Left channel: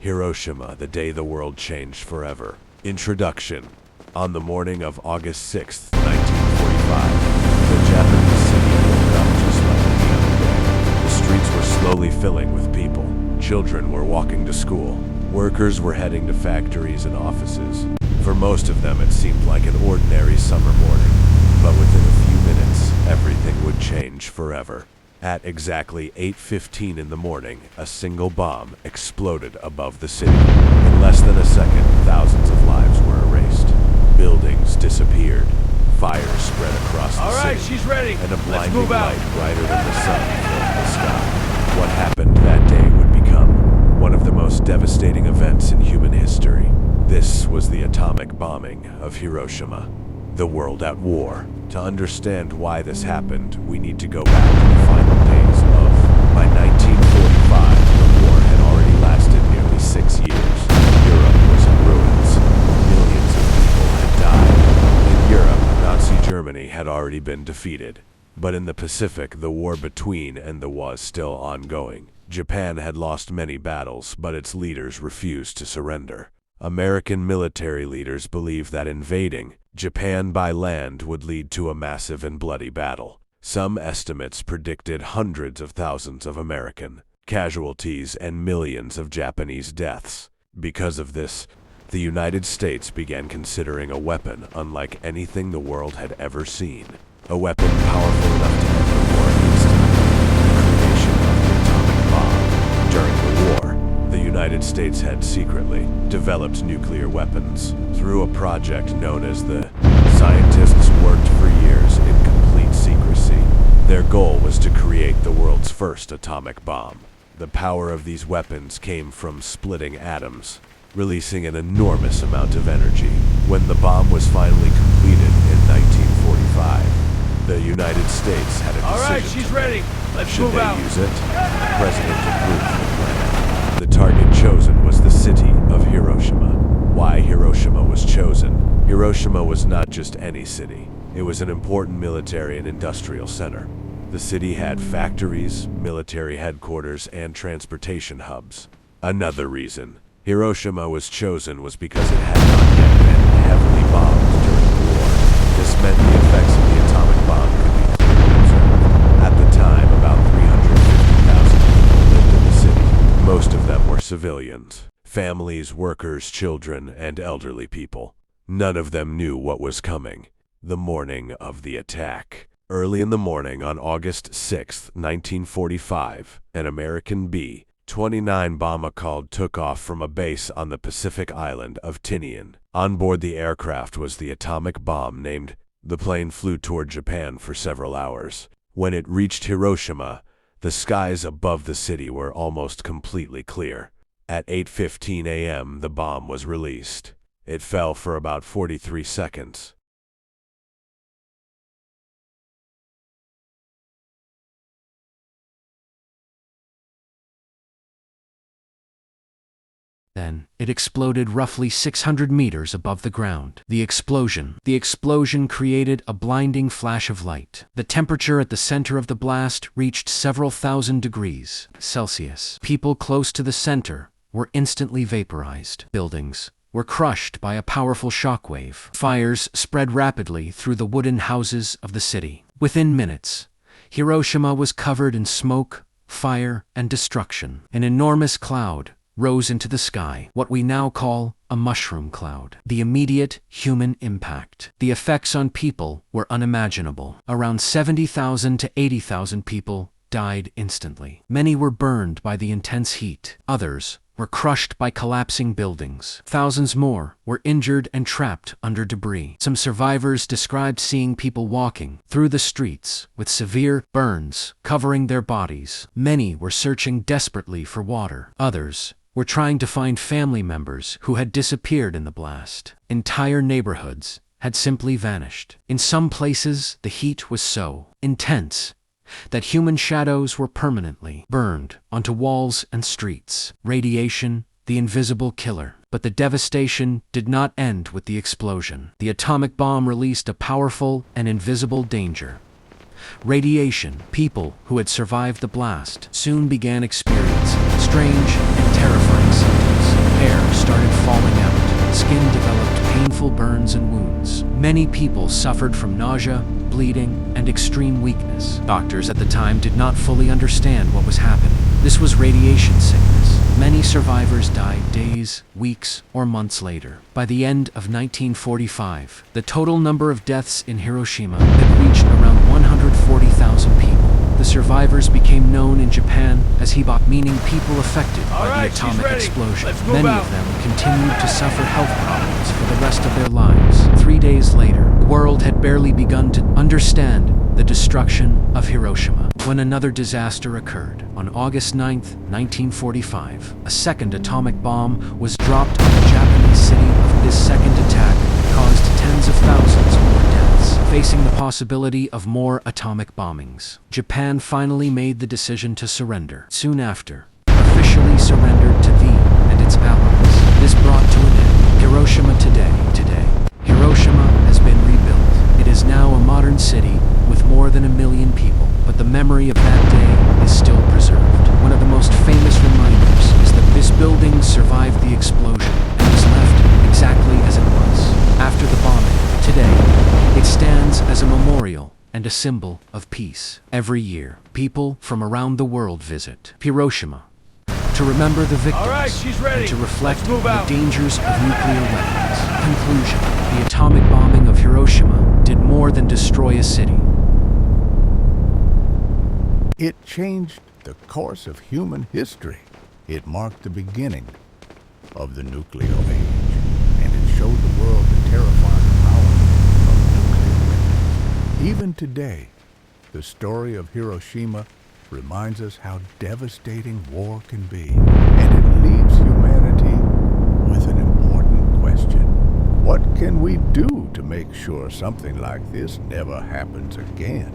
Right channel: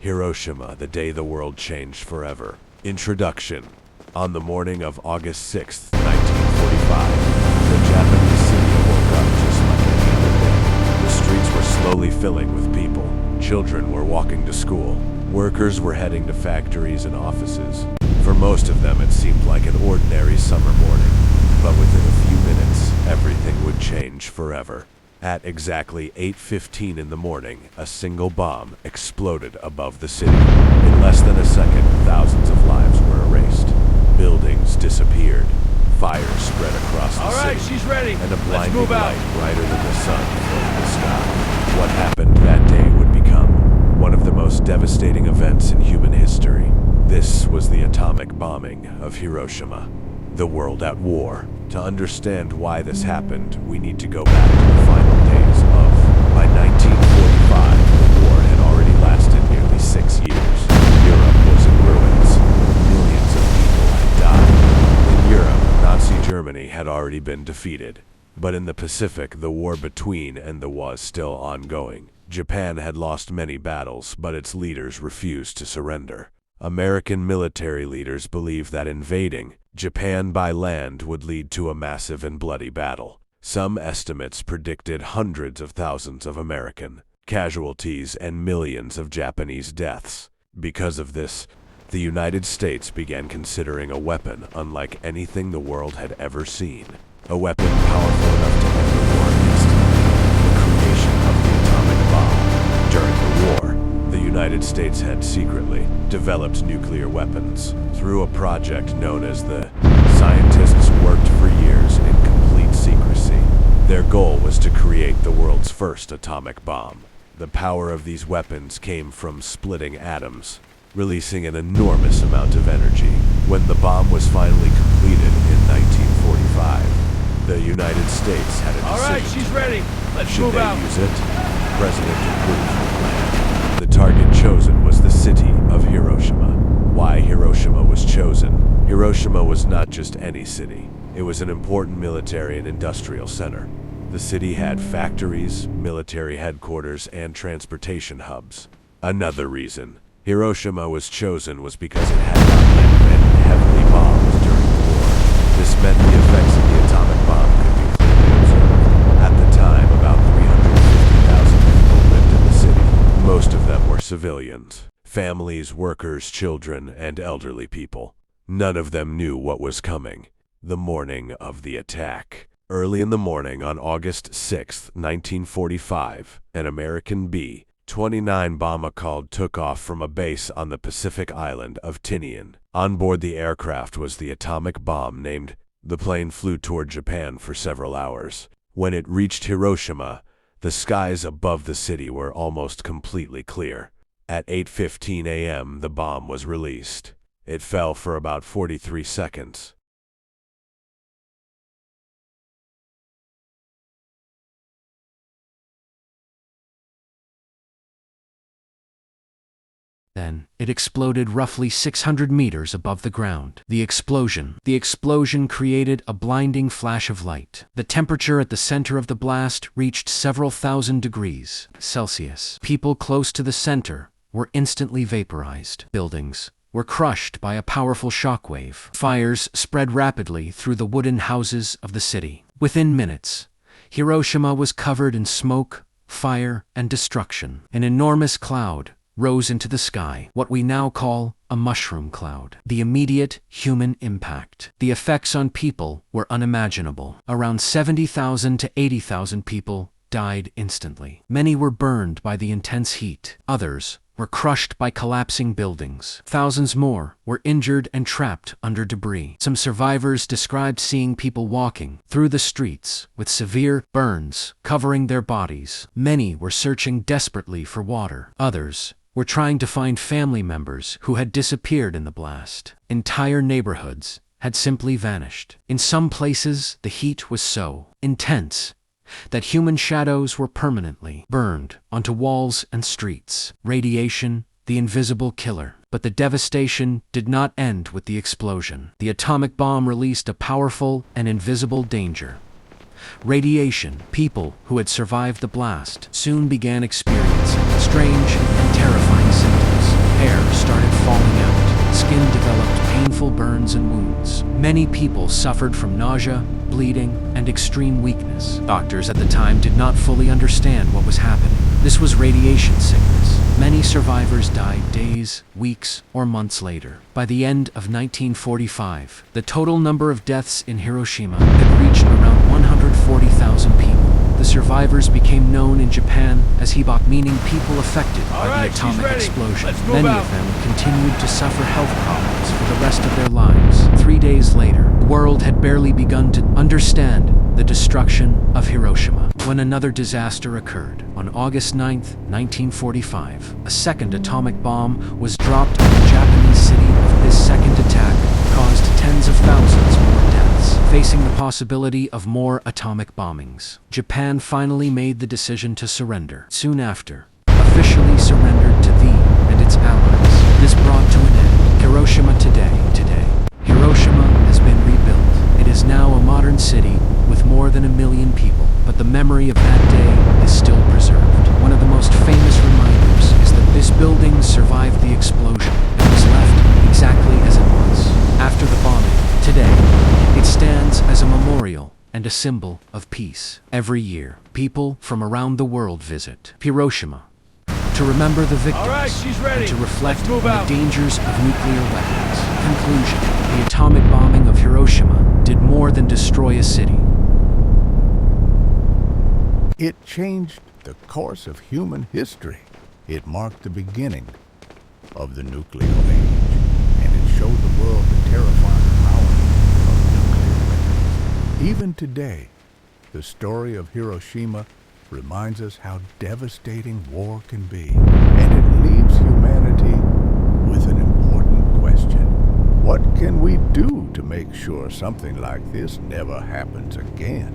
Hiroshima, the day the world changed forever. Introduction. On the morning of August 6, 1945, the Japanese city woke up just like any other day. The streets were slowly filling with people. Children were walking to school. Workers were heading to factories and offices. For most of them, it seemed like an ordinary summer morning. But within a few minutes, everything would change forever. At exactly 8:15 in the morning, a single bomb exploded above the city. In less than a second, thousands of lives were erased. Buildings disappeared. Fires spread across the city. She's ready. And a blinding light brighter than the sun filled the sky. What happened that day would become one of the most devastating events in human history. This was the atomic bombing of Hiroshima. The world at war. To understand why this happened, we need to go back to the final days of. By 1945, the war had already lasted nearly 6 years. Europe was in ruins. Millions of people had died. In Europe, Nazi Germany had already been defeated. But in the Pacific, the war between and the was still ongoing. Japan had lost many battles, but its leaders refused to surrender. American military leaders believed that invading Japan by land would lead to a massive and bloody battle. Some estimates predicted hundreds of thousands of American casualties and millions of Japanese deaths. Because of this, the United States began considering a weapon unlike anything the world had ever seen. A weapon powerful enough to end the war instantly. The creation of the atomic bomb. During the war, the United States had secretly developed nuclear weapons through a project known as the Scientists worked for years in complete secrecy. Their goal was to create the world's first atomic bomb. The power of these weapons came from splitting atoms, releasing an enormous amount of energy. When the bomb was finally completed in 1945, the United States had a decision. All right, she's ready. Let's Should move they out. use it? The president approved the plan. The target chosen was the city of Hiroshima. Why Hiroshima was chosen? Hiroshima was not just any city. It was an important military and industrial center. The city had factories, military headquarters, and transportation hubs. Another reason Hiroshima was chosen was because it had not yet been heavily bombed during the war. This meant the effects of the atomic bomb could be clearly observed. At the time, about 350,000 people lived in the city. Most of them were civilians. Families, workers, children, and elderly people. None of them knew what was coming. The morning of the attack. Early in the morning on August 6, 1945, an American B-29 bomber took off from a base on the Pacific island of Tinian. On board the aircraft was the atomic bomb named. The plane flew toward Japan for several hours. When it reached Hiroshima, the skies above the city were almost completely clear. At 8:15 a.m., the bomb was released. It fell for about 43 seconds. Then, it exploded roughly 600 meters above the ground. The explosion created a blinding flash of light. The temperature at the center of the blast reached several thousand degrees Celsius. People close to the center were instantly vaporized. Buildings were crushed by a powerful shockwave. Fires spread rapidly through the wooden houses of the city. Within minutes, Hiroshima was covered in smoke, fire, and destruction. An enormous cloud rose into the sky, what we now call a mushroom cloud. The immediate human impact. The effects on people were unimaginable. Around 70,000 to 80,000 people died instantly. Many were burned by the intense heat. Others were crushed by collapsing buildings. Thousands more were injured and trapped under debris. Some survivors described seeing people walking through the streets with severe burns covering their bodies. Many were searching desperately for water. Others were trying to find family members who had disappeared in the blast. Entire neighborhoods had simply vanished. In some places, the heat was so intense that human shadows were permanently burned onto walls and streets. Radiation, the invisible killer. But the devastation did not end with the explosion. The atomic bomb released a powerful and invisible danger. Radiation. People who had survived the blast soon began experiencing strange and terrifying symptoms. falling out. Skin developed painful burns and wounds. Many people suffered from nausea, bleeding, and extreme weakness. Doctors at the time did not fully understand what was happening. This was radiation sickness. Many survivors died days, weeks, or months later. By the end of 1945, the total number of deaths in Hiroshima had reached around 140,000 people. The survivors became known in Japan as Hiba, meaning people affected by the atomic explosion. Many of them continued to suffer health problems for the rest of their lives. 3 days later, the world had barely begun to understand the destruction of Hiroshima when another disaster occurred. On August 9, 1945, a second atomic bomb was dropped on the Japanese city. This second attack caused tens of thousands more deaths, facing the possibility of more atomic bombings. Japan finally made the decision to surrender. Soon after, officially surrendered to and its allies. This brought to an end Hiroshima today. Hiroshima has been rebuilt. It is now a modern city with more than 1 million people, but the memory of that day is still preserved. One of the most famous reminders is that this building survived the explosion and was left exactly as it was after the bombing. Today, it stands as a memorial and a symbol of peace. Every year, people from around the world visit Hiroshima to remember the victims and to reflect on the dangers of nuclear weapons. Conclusion: the atomic bombing of Hiroshima did more than destroy a city. It changed the course of human history. It marked the beginning of the nuclear age, and it showed the world the terrifying power of nuclear weapons. Even today, the story of Hiroshima reminds us how devastating war can be, and it leaves humanity with an important question. What can we do to make sure something like this never happens again?